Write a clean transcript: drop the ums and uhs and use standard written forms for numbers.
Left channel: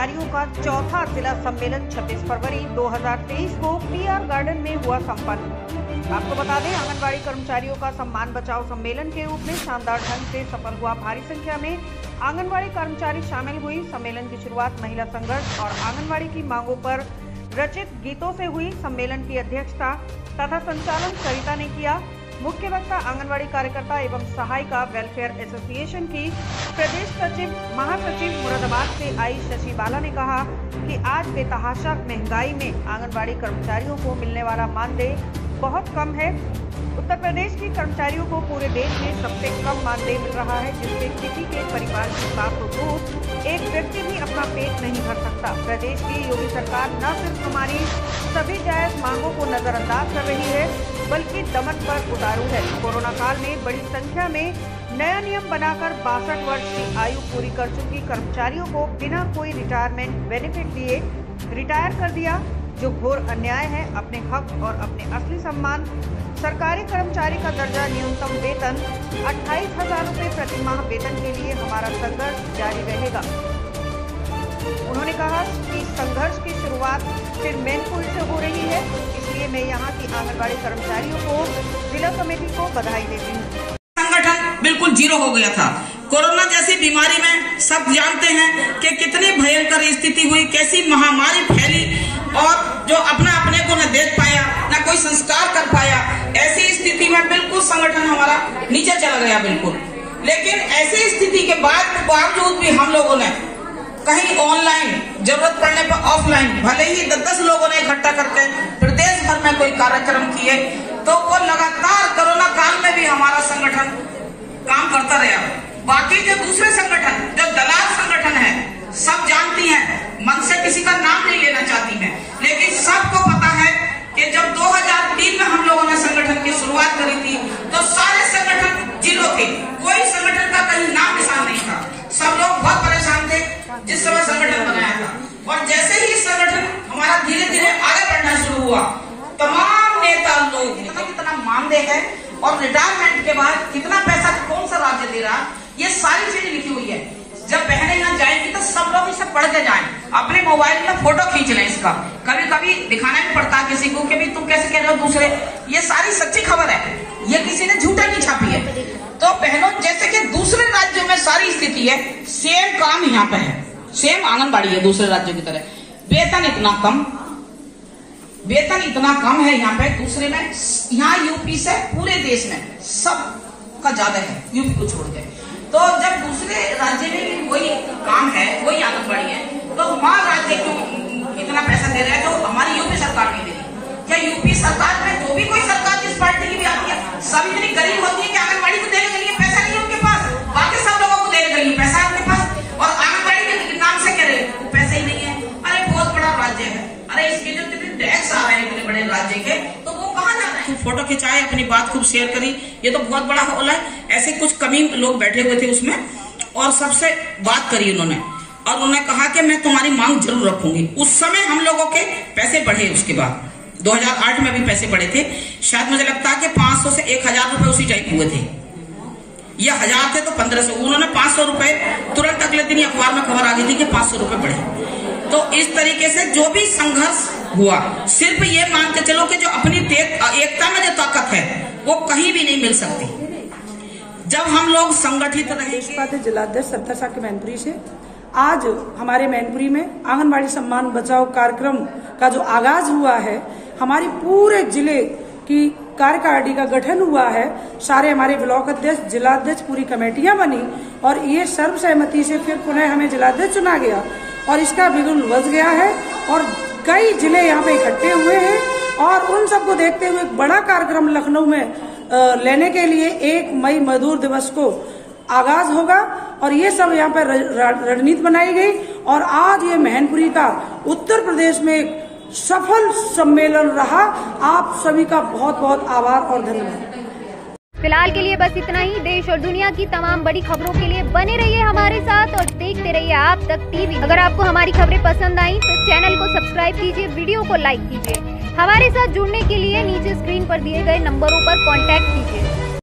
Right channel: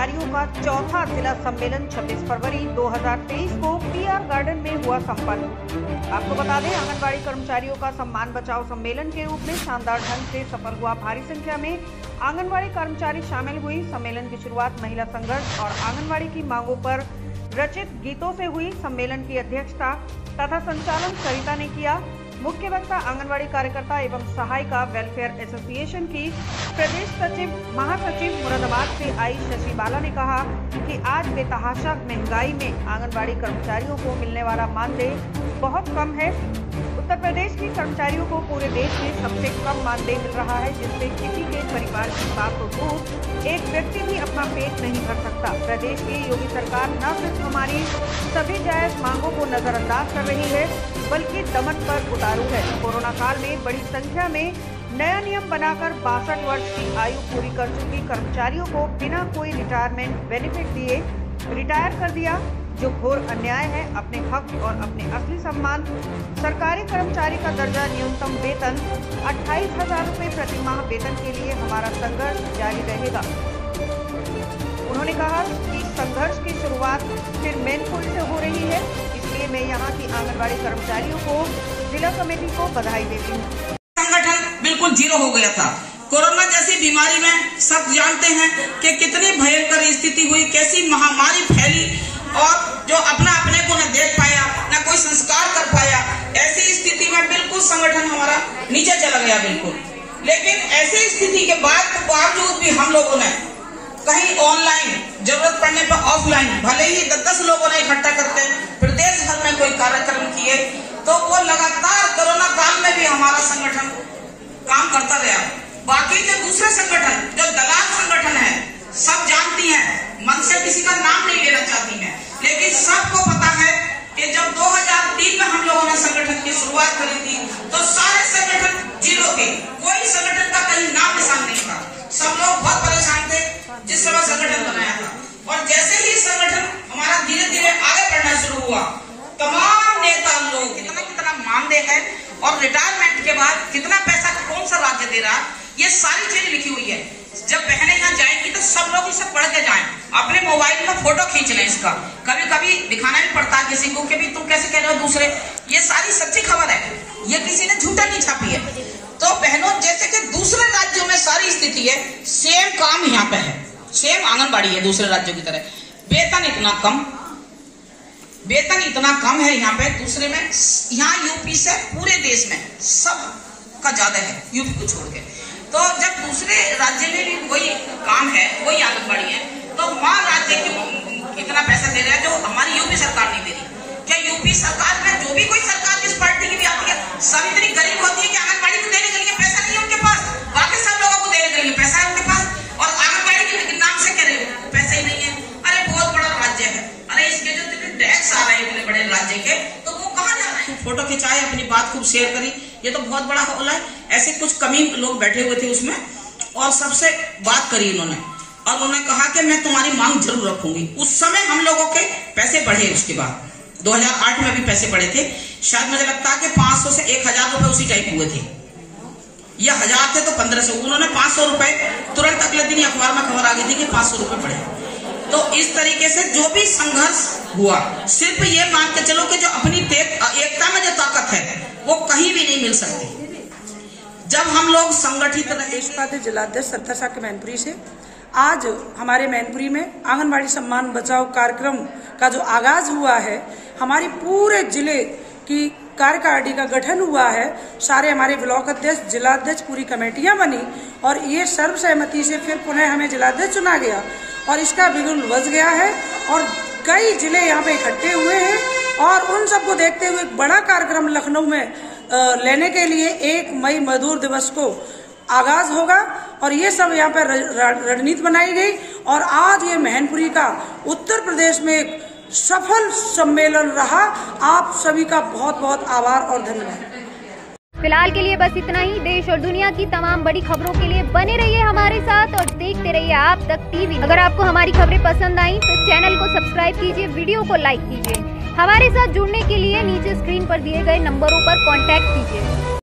कर्मचारियों का चौथा जिला सम्मेलन 26 फरवरी 2023 को पीआर गार्डन में हुआ संपन्न। आपको बता दें, आंगनबाड़ी कर्मचारियों का सम्मान बचाओ सम्मेलन के रूप में शानदार ढंग से सफल हुआ। भारी संख्या में आंगनबाड़ी कर्मचारी शामिल हुई। सम्मेलन की शुरुआत महिला संघर्ष और आंगनबाड़ी की मांगों पर रचित गीतों से हुई। सम्मेलन की अध्यक्षता तथा संचालन सरिता ने किया। मुख्य वक्ता आंगनबाड़ी कार्यकर्ता एवं सहायिका वेलफेयर एसोसिएशन की प्रदेश सचिव महासचिव मुरादाबाद से आई शशि बाला ने कहा कि आज बेतहाशा महंगाई में आंगनबाड़ी कर्मचारियों को मिलने वाला मानदेय बहुत कम है। उत्तर प्रदेश की कर्मचारियों को पूरे देश में सबसे कम मानदेय मिल रहा है, जिससे किसी के परिवार की बात तो दूर एक व्यक्ति भी अपना पेट नहीं भर सकता। प्रदेश की योगी सरकार न सिर्फ हमारी सभी जायज मांगों को नजरअंदाज कर रही है, बल्कि दमन पर उतारू है। कोरोना काल में बड़ी संख्या में नया नियम बनाकर 62 वर्ष की आयु पूरी कर चुकी कर्मचारियों को बिना कोई रिटायरमेंट बेनिफिट दिए रिटायर कर दिया, जो घोर अन्याय है। अपने हक और अपने असली सम्मान, सरकारी कर्मचारी का दर्जा, न्यूनतम वेतन 28,000 रुपये प्रति माह वेतन के लिए हमारा संघर्ष जारी रहेगा। उन्होंने कहा कि संघर्ष की शुरुआत फिर मैनपुरी से हो रही है, इसलिए मैं यहाँ की आंगनबाड़ी कर्मचारियों को जिला कमेटी को बधाई देती हूँ। संगठन बिल्कुल जीरो हो गया था। कोरोना जैसी बीमारी में सब जानते हैं कि कितनी भयंकर स्थिति हुई, कैसी महामारी फैली और जो अपने को न देख पाया, न कोई संस्कार कर पाया। ऐसी स्थिति में बिल्कुल संगठन हमारा नीचे चला गया बिल्कुल। लेकिन ऐसी स्थिति के बावजूद भी हम लोगों ने कहीं ऑनलाइन, जरूरत पड़ने पर ऑफलाइन, भले ही 10 लोगों ने इकट्ठा करके प्रदेश भर में कोई कार्यक्रम किए, तो वो लगातार कोरोना काल में भी हमारा संगठन काम करता रहा। बाकी जो दूसरे संगठन, जो दलाल संगठन है, सब जानती हैं, मन से किसी का नाम नहीं लेना चाहती मैं, लेकिन सबको पता है कि जब 2003 में हम लोगों ने संगठन की शुरुआत करी थी, तो सारे संगठन जीरो थे। कोई संगठन का कहीं नाम निशान नहीं था। सब लोग बहुत परेशान थे जिस समय संगठन बनाया था। और जैसे ही संगठन हमारा धीरे धीरे आगे बढ़ना शुरू हुआ, तमाम नेता लोग कितना मानदेय है और रिटायरमेंट के बाद कितना पैसा कौन सा राज्य दे रहा, ये सारी चीजें लिखी हुई है। जब बहनें यहाँ जाएंगी तो सब लोग इसे पढ़ के जाएं, अपने मोबाइल में फोटो खींच लें इसका। कभी कभी दिखाना भी पड़ता है किसी को कि भी तुम कैसे कह रहे हो दूसरे। ये सारी सच्ची खबर है, ये किसी ने झूठा नहीं छापी है। तो बहनों, जैसे कि दूसरे राज्यों में सारी स्थिति है, सेम काम यहाँ पे है, सेम आंगनबाड़ी है दूसरे राज्यों की तरह। वेतन इतना कम है यहाँ पे। दूसरे में यहाँ यूपी से पूरे देश में सब का ज्यादा है, यूपी को छोड़ के। तो जब दूसरे राज्य में भी वही काम है, वही आंगनबाड़ी है, तो वहाँ राज्य क्यों इतना पैसा दे रहा है जो हमारी यूपी सरकार नहीं दे रही? क्या यूपी सरकार में जो भी कोई सरकार जिस पार्टी की भी आती है, सब इतनी गरीब होती है कि आंगनबाड़ी को देने के लिए पैसा नहीं है उनके पास? बाकी सब लोगों को देने के लिए पैसा है उनके पास, और आंगनबाड़ी के नाम से कह रहे पैसा ही नहीं है। अरे बहुत बड़ा राज्य है, अरे इसके जो टैक्स आ रहे हैं इतने बड़े राज्य के, तो वो कहाँ जा रहे हैं? फोटो खिंचाए, अपनी बात खूब शेयर करी, ये तो बहुत बड़ा होला है। ऐसे कुछ कमी लोग बैठे हुए थे उसमें, और सबसे बात करी उन्होंने, और उन्होंने कहा कि मैं तुम्हारी मांग जरूर रखूंगी। उस समय हम लोगों के पैसे बढ़े, उसके बाद 2008 में भी पैसे बढ़े थे। शायद मुझे लगता है कि 500 से 1000 रुपए उसी टाइप हुए थे, या 1000 थे तो 1500। उन्होंने 500 रुपए तुरंत अगले दिन अखबार में खबर आ गई थी कि 500 रुपए बढ़े। तो इस तरीके से जो भी संघर्ष हुआ, सिर्फ ये मान के चलो कि जो अपनी एकता में जो ताकत है वो कहीं भी नहीं मिल सकती जब हम लोग संगठित रहे। जिलाध्यक्ष सत्ता के मैनपुरी से आज हमारे मैनपुरी में आंगनबाड़ी सम्मान बचाओ कार्यक्रम का जो आगाज हुआ है, हमारी पूरे जिले की कार्यकारिणी का गठन हुआ है। सारे हमारे ब्लॉक अध्यक्ष, जिलाध्यक्ष, पूरी कमेटियां बनी और ये सर्वसहमति से फिर पुनः हमें जिलाध्यक्ष चुना गया और इसका बिगुल बज गया है। और कई जिले यहाँ पे इकट्ठे हुए हैं और उन सबको देखते हुए एक बड़ा कार्यक्रम लखनऊ में लेने के लिए 1 मई मजदूर दिवस को आगाज होगा और ये सब यहाँ पर रणनीति बनाई गई। और आज ये मैनपुरी का उत्तर प्रदेश में एक सफल सम्मेलन रहा। आप सभी का बहुत बहुत आभार और धन्यवाद। फिलहाल के लिए बस इतना ही। देश और दुनिया की तमाम बड़ी खबरों के लिए बने रहिए हमारे साथ और देखते रहिए आप तक टीवी। अगर आपको हमारी खबरें पसंद आई तो चैनल को सब्सक्राइब कीजिए, वीडियो को लाइक कीजिए। हमारे साथ जुड़ने के लिए नीचे स्क्रीन पर दिए गए नंबरों पर कांटेक्ट कीजिए।